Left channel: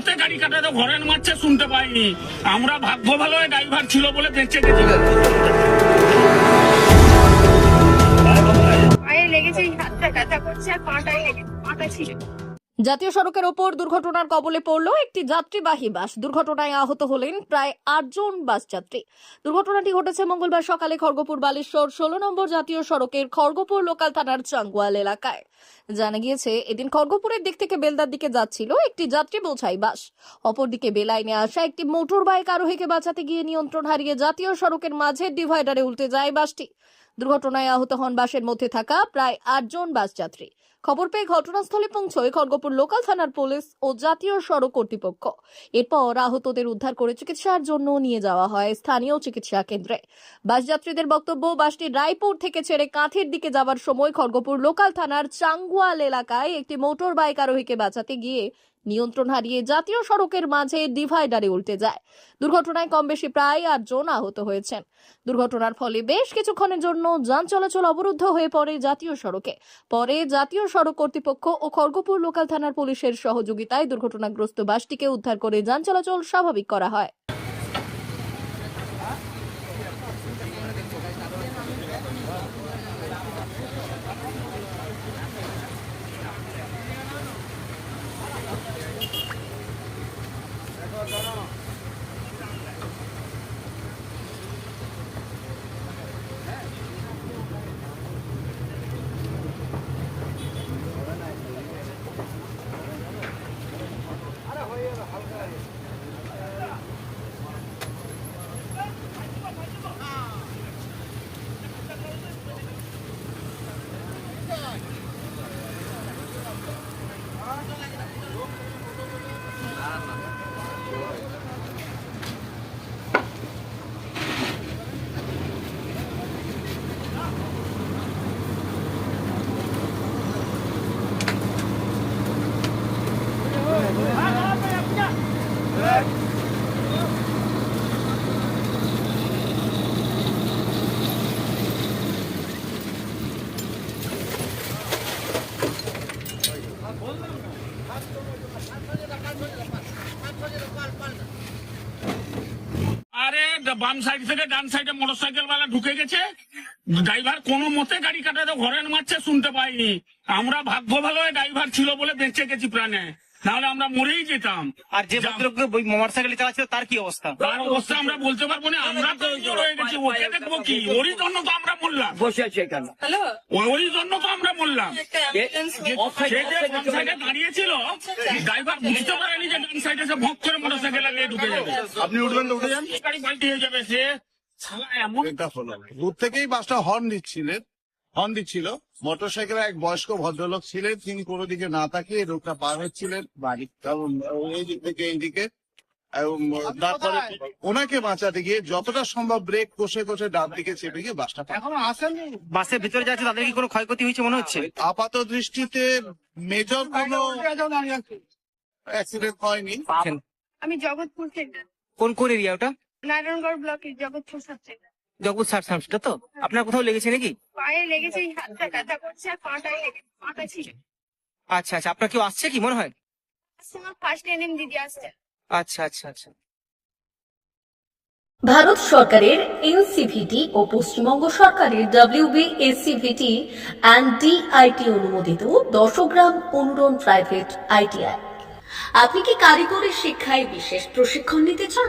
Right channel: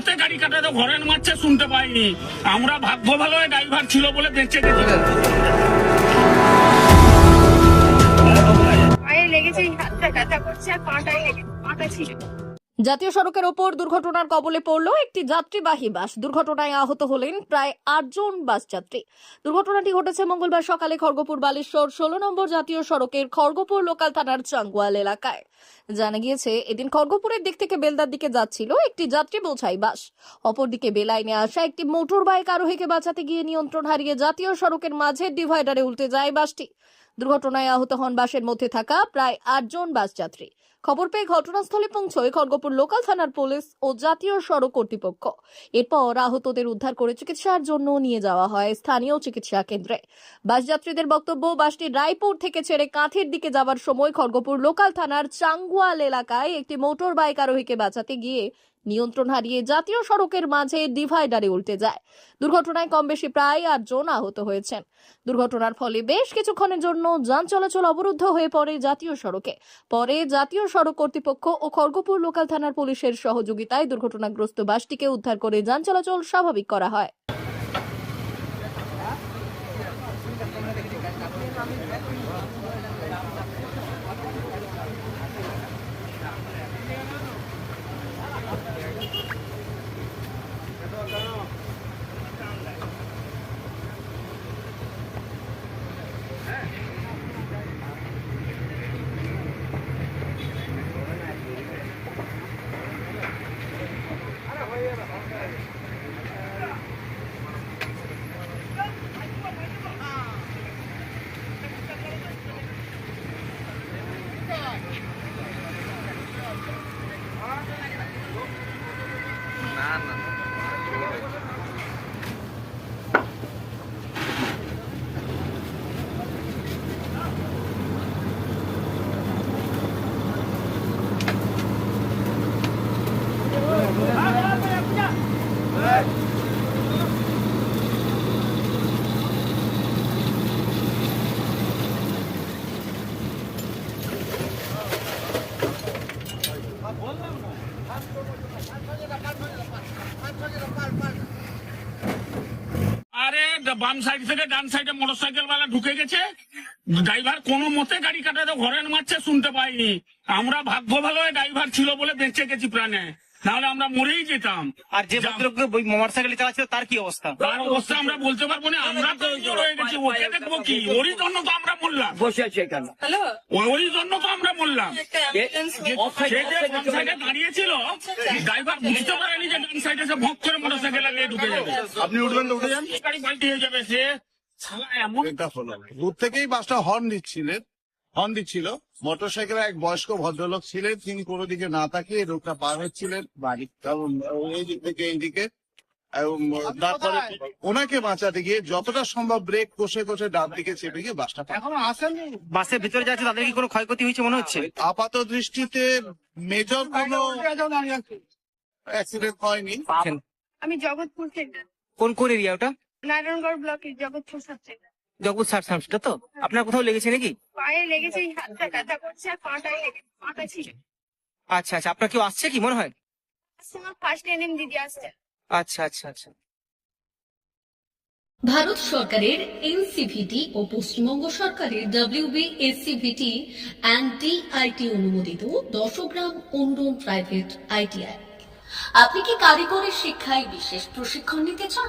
মতে গাড়ি কাটাতে ঘরের মারছে শুনতে পাইনি। আমরা ভাগ্য ভালো ড্রাইভার ছিল বলে বেঁচে গেছি লেগেছে হাতটা ব্যথা করছে, আর পাটাই লেগেছে পাটা ছিল জাতীয় সড়কের ওপর দুর্ঘটনার কবলে পড়ল একটি যাত্রীবাহী বাস। দুর্ঘটনায় আহত হলেন প্রায় আটজন বাস যাত্রী। দুর্ঘটনাটি ঘটেছে মঙ্গলবার সকালে খড়গপুর বালেশ্বর ষোলো নম্বর জাতীয় সড়কের খড়গপুর লোকাল থানার চাঙ্গুয়াল এলাকায়। জানা গিয়েছে, এদিন খড়গপুরের দিক থেকে বেলদার দিকে যাচ্ছিল একটি যাত্রী বোঝাই বাস। অপরদিকে বেলাইনে আসা একটি মোটর বাইক আরোহীকে বাঁচাতে গিয়ে নিয়ন্ত্রণ হারিয়ে জাতীয় সড়কের মাঝের ডিভাইডারে উল্টে যায় বাসটি। দুর্ঘটনায় আহত হন বাসের মধ্যে থাকা প্রায় আটজন বাস যাত্রী। খবর পেয়ে ঘটনাস্থলে পৌঁছয় খড়গপুর লোকাল থানার পুলিশ ও জাতীয় সড়ক কর্তৃপক্ষ। এরপর আহতদের উদ্ধার করে চিকিৎসার জন্য নিয়ে যাওয়া হয় স্থানীয় চিকিৎসা কেন্দ্রে। বাস যাত্রীদের বক্তব্য, বাসটি রায়পুর থেকে ছেড়ে কাঁথের দিকে যাওয়ার সময় খড়গপুর লোকাল থানার চাঙ্গুয়াল এলাকায় একটি মোটর বাইক আরোহীকে বাঁচাতে গিয়ে নিয়ন্ত্রণ হারিয়ে জাতীয় সড়কের মাঝে ডিভাইডারে উল্টে যায়। দুর্ঘটনায় কম বেশি প্রায় আটজন আহত হয়েছেন। দুর্ঘটনার ফলে বেশ কিছুক্ষণের জন্য যান চলাচল অবরুদ্ধ হয়ে পড়ে জাতীয় সড়কে। পরে জাতীয় সড়ক কর্তৃপক্ষ ও খড়গপুর লোকাল থানার পুলিশের সহযোগিতায় দুর্ঘটনাগ্রস্ত বাসটিকে উদ্ধার করে যান চলাচল স্বাভাবিক করা হয় আরে বাম সাইড থেকে ডান সাইডে মোটর সাইকেল ওয়ালা ঢুকে গেছে। ড্রাইভার কোনো মতে গাড়ি কাটাতে ঘরের মারছে, শুনতে পাইনি। আমরা ভাগ্য ভালো ড্রাইভার ছিল বলে বেঁচে গেছি প্রাণে। নাহলে আমরা মরেই যেতাম। আর যে ভদ্রলোক মোটর সাইকেল চালাচ্ছিল তার কি অবস্থা? তার অবস্থা আমরা বলতে পারব না আমরা তো গেছি ওকে দেখব কি? ওরই জন্য তো আমরা মরলাম। বসে আছে এখানে। ওরই জন্য তো আমরা মরলাম। সে যে বাম সাইডে দাঁড়িয়েছিল ড্রাইভার বুঝতে পারেনি যে ডান সাইডে সে ভোগ করে মোটর সাইকেল নিয়ে ঢুকে যাবে। আপনি উঠবেন তো উঠে যান। গাড়ি পাল্টি হয়ে যাবে সে। এমন দূর থেকেই বাসটা হর্ন দিচ্ছিলেন হর্ন দিচ্ছিল। মোটরসাইকেলে এক বয়স্ক ভদ্রলোক ছিলেন। তিনি কোনো দিকে না তাকিয়ে রোডটা পার হচ্ছিলেন। বাড়ি কারণ এই দিক থেকে এই তারপরে ওনাকে বাঁচাতে গিয়ে যতটা সম্ভব ব্রেক কষে কষে ডান দিকে চেপে গিয়ে বাসটা এখনও আসেননি? বাসের ভিতরে যাচ্ছে তাদের কি কোনো ক্ষয়ক্ষতি হয়েছে মনে হচ্ছে? আপাত দৃষ্টিতে মেজর কোনো অ্যাক্সিডেন্ট হয়নি। আমি জগৎপুর থেকে। কোন কোন এরিয়া ওটা? নারায়ণগড় ব্লকের জগৎপুর সাবজেক্ট জগৎ সার সামসটা তো? আপনার কোথাও লেগেছে নাকি? পায়ে লেগেছে হাতটা ব্যথা করছে আর পাটাই লেগেছে পাটা ছিল। আচ্ছা আচ্ছা আপনার কেউ আসছে কি মনে হয়? ফার্স্ট এনএম দিদি আসছে। আচ্ছা আচ্ছা আচ্ছা। ভারত সরকারের এনসিভিটি ও পশ্চিমবঙ্গ সরকারের ডাব্লিউবিএসসিভিটি অ্যান্ড ডিআইটি অনুমোদিত দশগ্রাম অনুরণ প্রাইভেট আইটিআই আপনি কি কারিগরি শিক্ষায় বিশেষ প্রশিক্ষণ নিতে চান?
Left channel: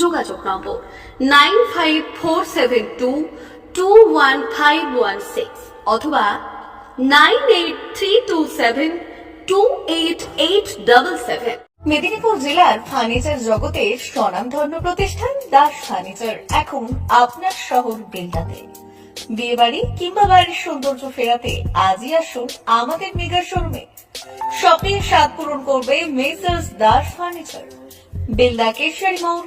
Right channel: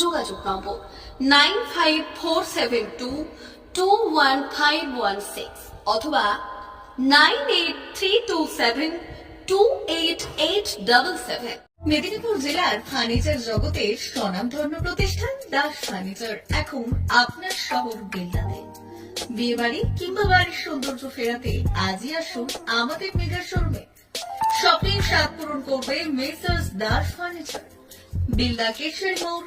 যোগাযোগ number nine five four seven two two one five one six অথবা nine eight three two seven two eight eight double seven Medinipur জেলার ফার্নিচার জগতের স্বনামধন্য প্রতিষ্ঠান দাস ফার্নিচার। এখন আপনার শহর বেলদাতে বিয়ে বাড়ি কিংবা বাড়ির সৌন্দর্য ফেরাতে আজই আসুন আমাদের মেগা শোরুমে। স্বপ্নের স্বাদ পূরণ করবে মেসার্স দাস ফার্নিচার। বেলদা কেশারি মোড়